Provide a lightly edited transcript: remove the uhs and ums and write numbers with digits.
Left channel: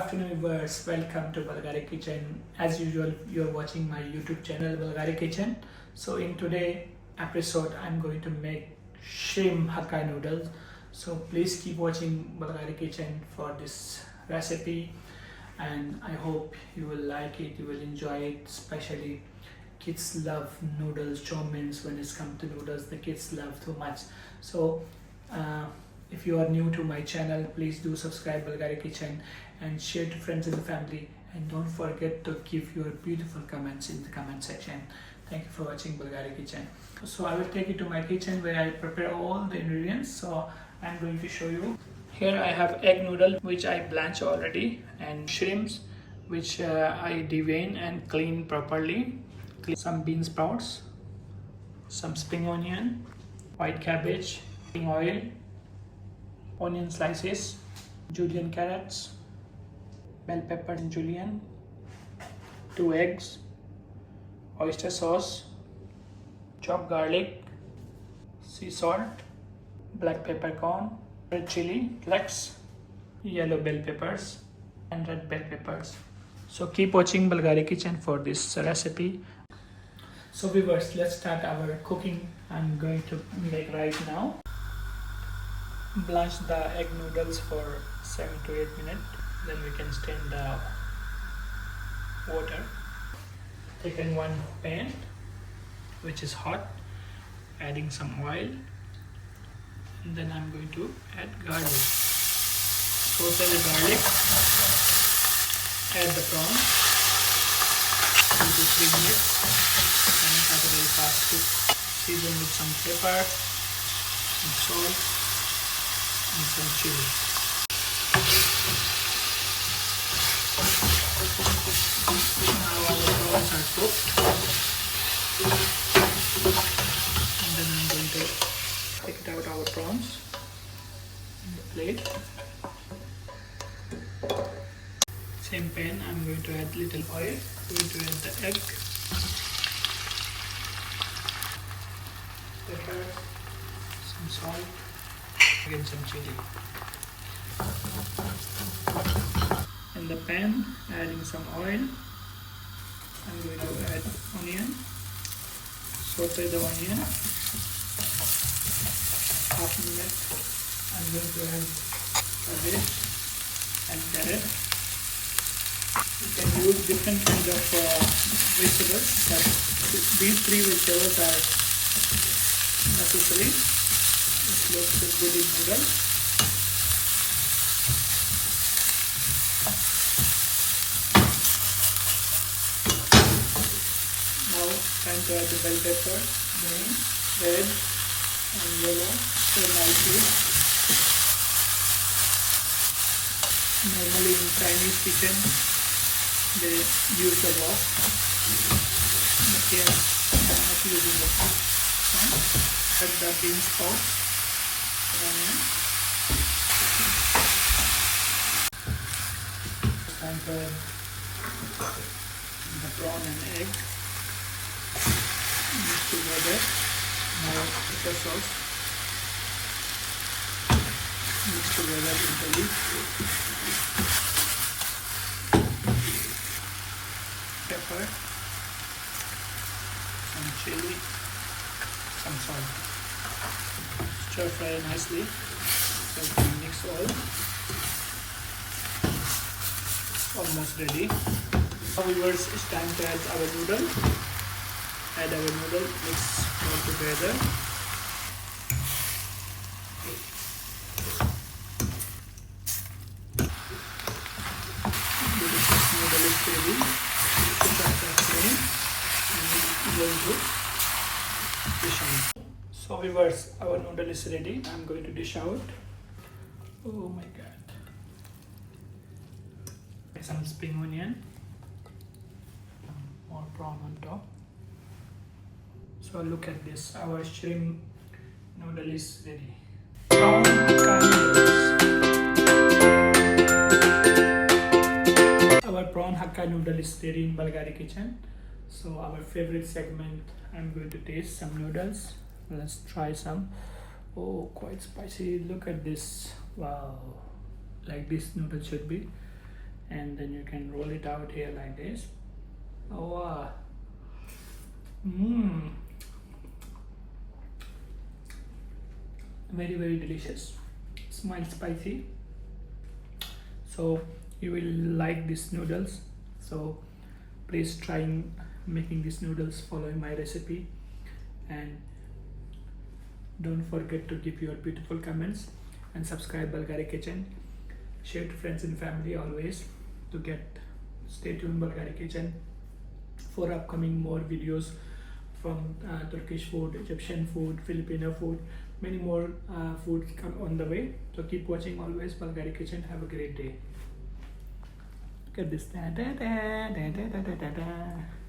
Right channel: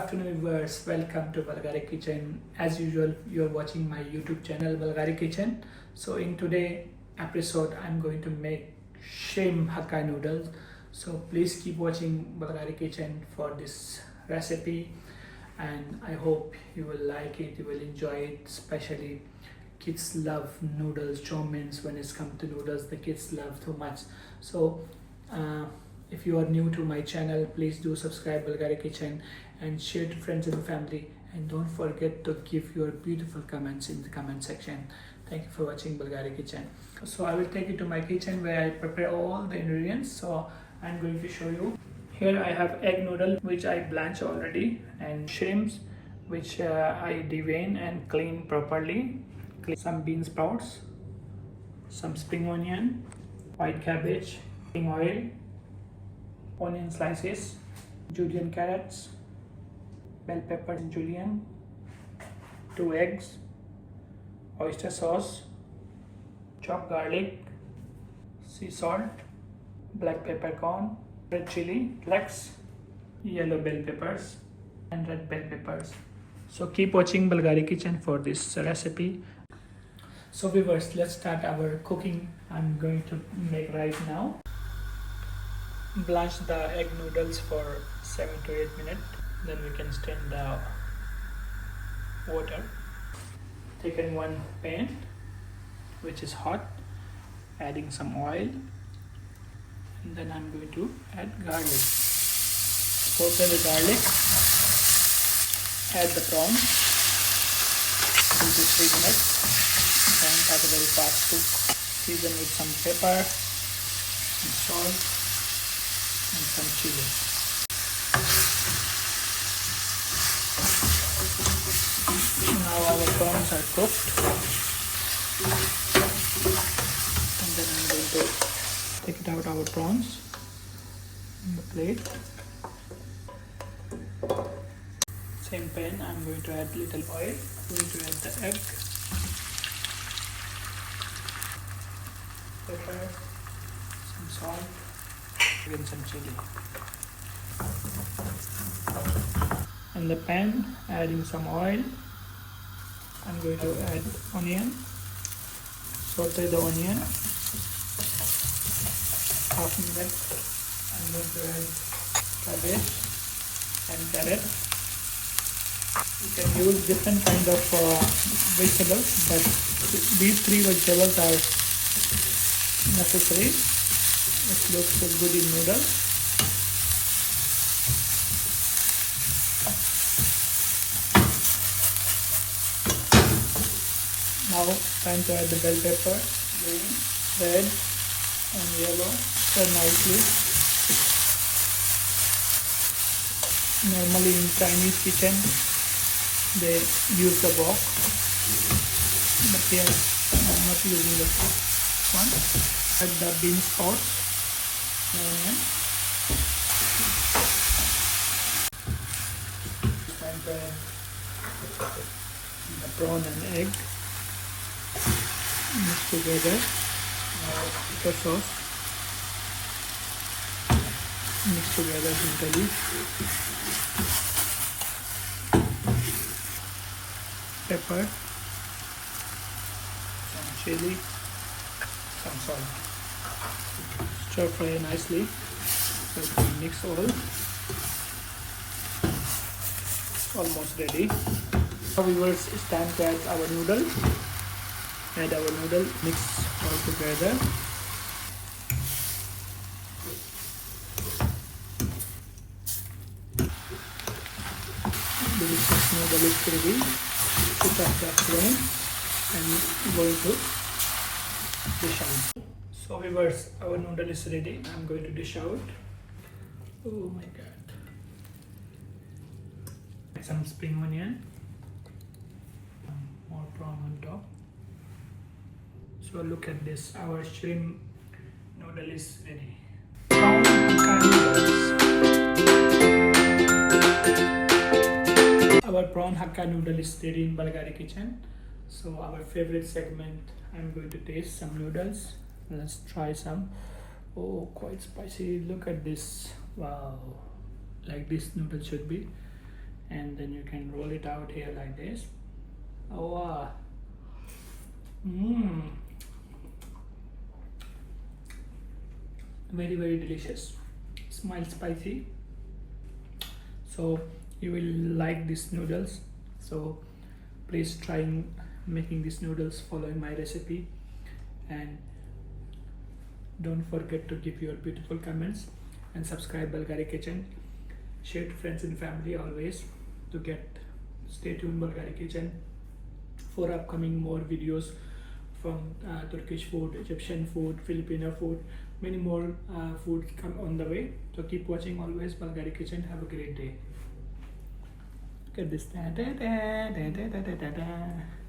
afternoon viewers, welcome to Balghari Kitchen. As usual, you're watching my YouTube channel Balghari Kitchen. So in today episode, I'm going to make shrimp Hakka noodles. So please keep watching Balghari Kitchen for this recipe, and I hope you will like it, you will enjoy it. Especially kids love noodles, chow means when it's come to noodles, the kids love too much. So if you are new to my channel, please do subscribe Balghari Kitchen and share to friends and family, and don't forget to give your beautiful comments in the comment section. Thank you for watching Balghari Kitchen. So I will take you to my kitchen where I prepare all the ingredients. So I'm going to show you. Here I have egg noodle which I blanch already, and shrimps which I devein and clean properly. Some bean sprouts, some spring onion, white cabbage, oil, onion slices, julienne carrots, bell pepper and julienne, 2 eggs, oyster sauce, chopped garlic, sea salt, black peppercorn, red chili flakes, yellow bell peppers and red bell peppers. So keep watching Balghari Kitchen for this recipe. So viewers, let's start our cooking. I'm going to make right now. Blanch the egg noodles for 7 to 8 minutes. Then we can strain the water. Take in one pan which is hot, adding some oil, and then I'm going to add garlic. Saute the garlic, add the prawns into 3 minutes, and add a very fast cook. Season with some pepper, some salt, and some chili. Now our prawns are cooked, and then I'm going to take it out our prawns on the plate. Same pan, I'm going to add little oil. I'm going to add the egg, pepper, some salt, and some chili. In the pan, adding some oil. I'm going to add onion, saute the onion, soften it. I'm going to add cabbage and carrot. You can use different kind of vegetables, but these 3 vegetables are necessary. It looks so good in noodles. Now time to add the bell pepper, green, red and yellow. So nicely. Normally in Chinese kitchen they use the box, but here I'm not using the box. Add the bean sprouts, and the prawn and egg. Mix together. Now the sauce. Mix together with the pepper, some chili, some salt. Stir fry nicely. Mix all. Almost ready. So viewers, it's time to add our noodle. Add our noodle, mix all together. This noodle is ready. Switch off the flame and go to dish out. So viewers, our noodle is ready. I'm going to dish out. Oh my god. Some spring onion. More prawn on top. So look at this, our shrimp noodle is ready. Prawn Hakka noodles. Our prawn Hakka noodle is ready in Balghari Kitchen. So our favorite segment, I'm going to taste some noodles. Let's try some. Oh, quite spicy. Look at this. Wow, like this noodle should be. and then you can roll it out here like this. Oh wow. Very, very delicious. Smile spicy. So you will like these noodles. So please try making these noodles following my recipe, and don't forget to give your beautiful comments and subscribe Balghari Kitchen. Share to friends and family always to get. Stay tuned Balghari Kitchen for upcoming more videos from Turkish food, Egyptian food, Filipino food, many more foods come on the way. So keep watching always Balghari Kitchen. Have a great day. Look at this. Da, da, da, da, da, da, da, da.